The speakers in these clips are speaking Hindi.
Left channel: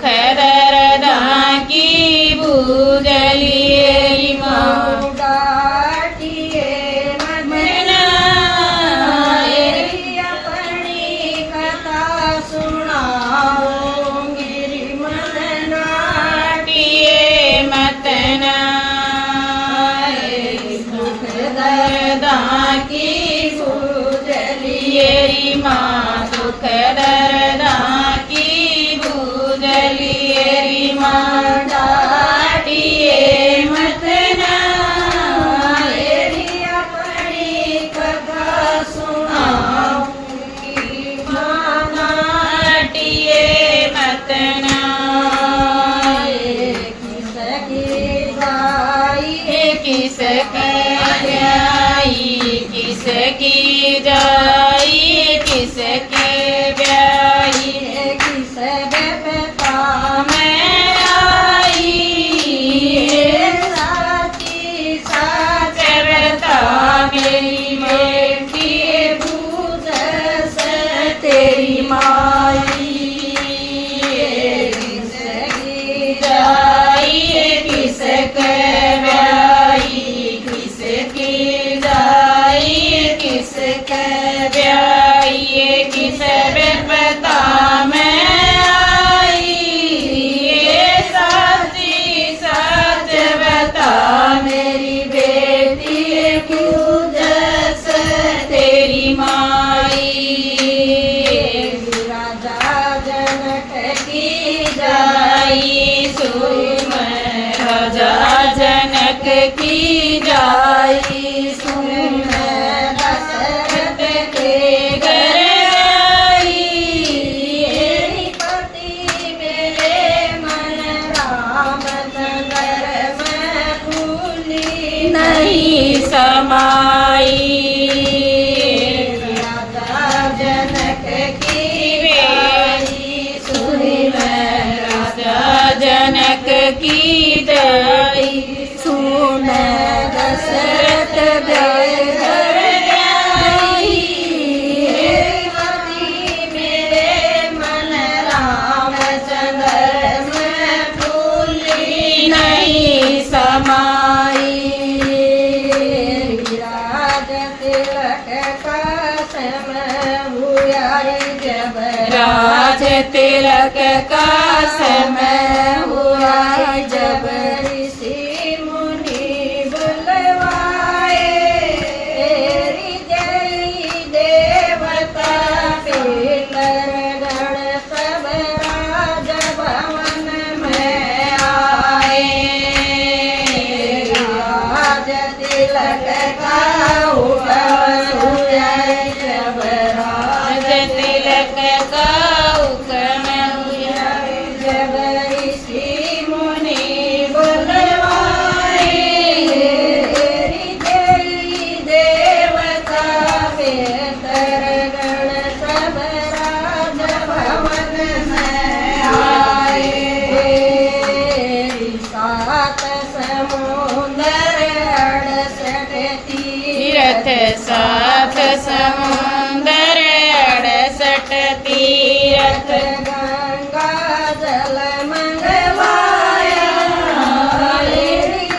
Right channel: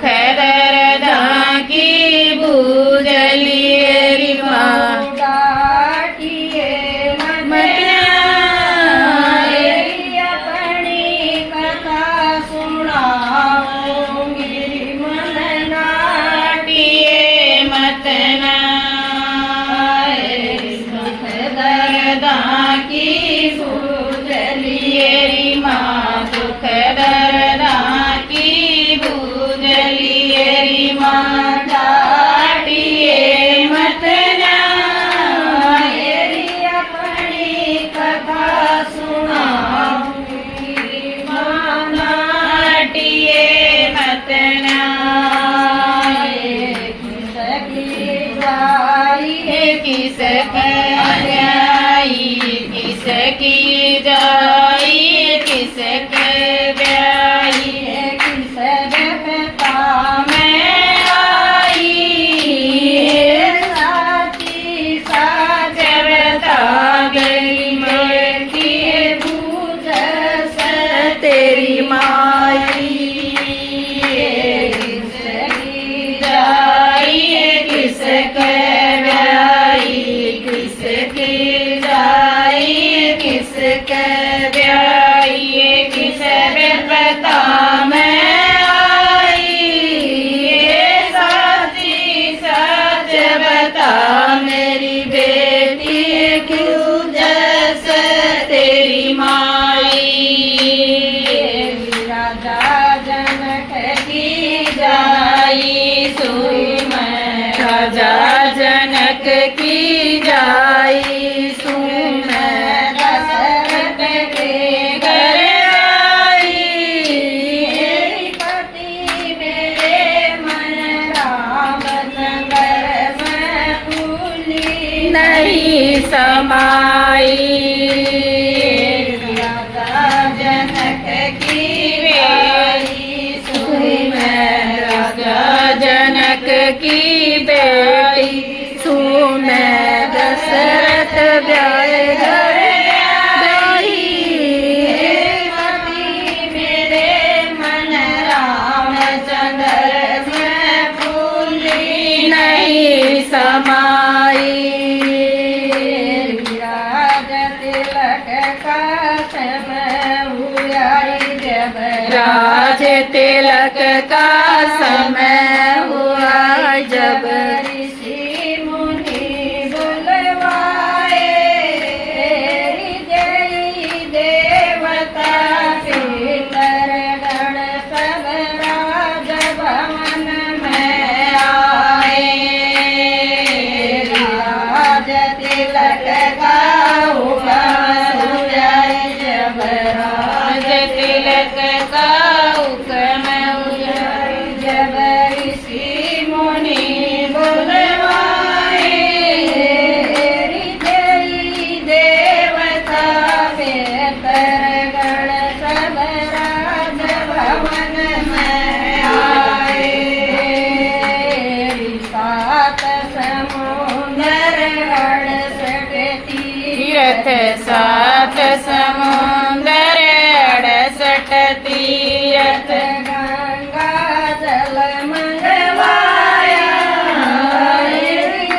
दुख दर्द की भूजलिए माँ डाटिए मना अपनी कथा सुनाऊंगी मन नाटिए मतना दुख दर्द की भूजलिए माँ दुख दर्द की भूजलिए माँ डाटिए मतना अपनी कथा सुनाऊंगी नाटिए मतना किसकी जाई किसकी जाई किसकी जाई किसके ब्याई किस देवता मैं आई साची साच जबता मेरी की बूझ तेरी माई जाई किसके ब्याई किसकी जाई किसके ब्याई किस बेपता मैं आई साची सच बता मेरी बेटी क्यों जस तेरी माई राजा जनक की जाई सुम राजा जनक की जाई सुम दशरथ के घर आई पति मेरे मन राम चंद्र में फूली नहीं समाई राजा जनक की बेटी सुम राजा जनक की बेटी सुम दशरथ ब्याह घर ब्याही पति मेरे मन राम चंद्र में फूली नहीं समाई राज तिलक का समय हुआ जब राज तिलक का समय हुआ जब ऋषि मुनि बुलवाए जय देवता पितर गण सब राज भवन में आए राज तिलक का हुआ जब राज तिलक का हुक्म हुआ जब ऋषि मुनि बुलवाए जय देवता पितर गण सब राज भवन में आए सात समुंदर 68 तीर्थ सात समुंदर 68 तीर्थ गंगा जल मंगवाया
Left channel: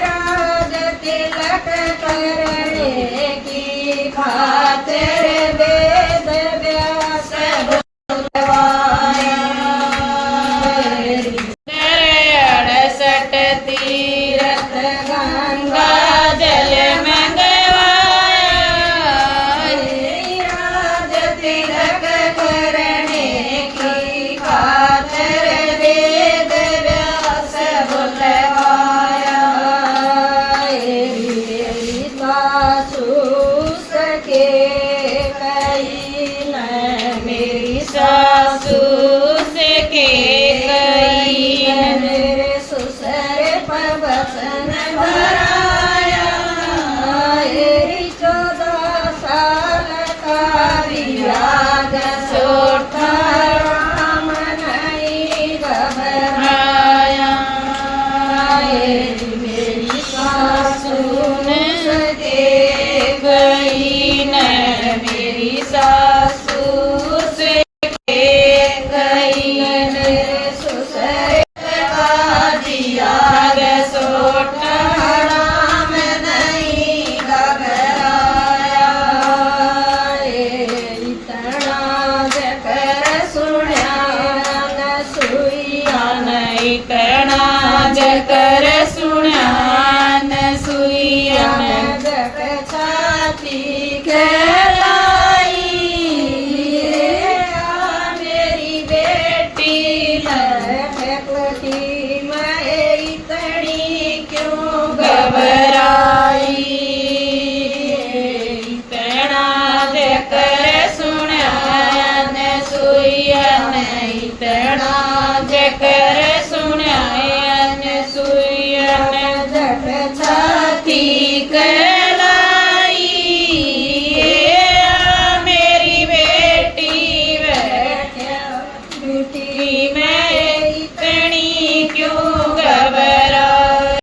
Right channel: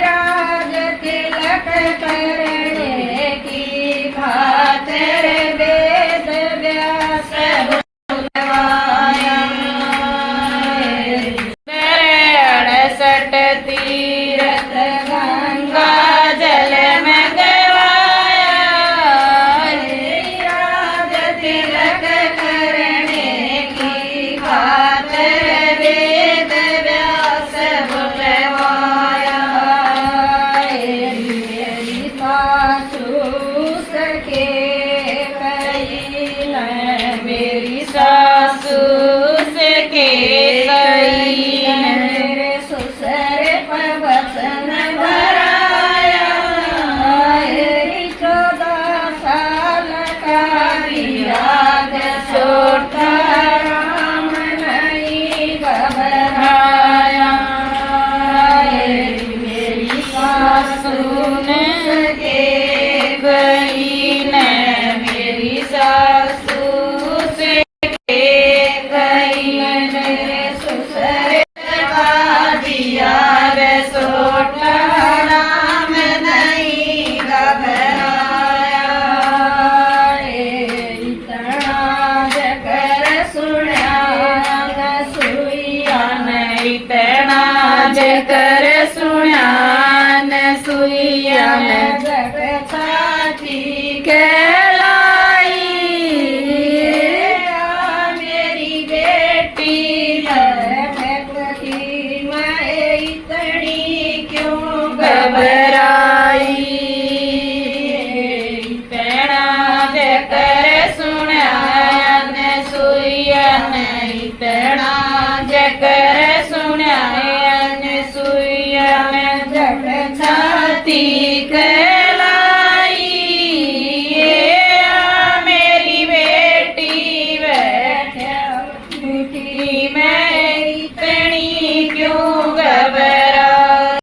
राज तिलक करने की खातिर वेद व्यास बुलवाया 68 तीर्थ गंगा जल मंगवाया राज तिलक करने की खातिर वेद व्यास बुलवाया सासू सके कई मेरी सासू से के गई मेरे ससुर पवसन भराया 14 साल का दिया सोटा राम नहीं घबराया आया मेरी सासू सुन के गई न दिया है।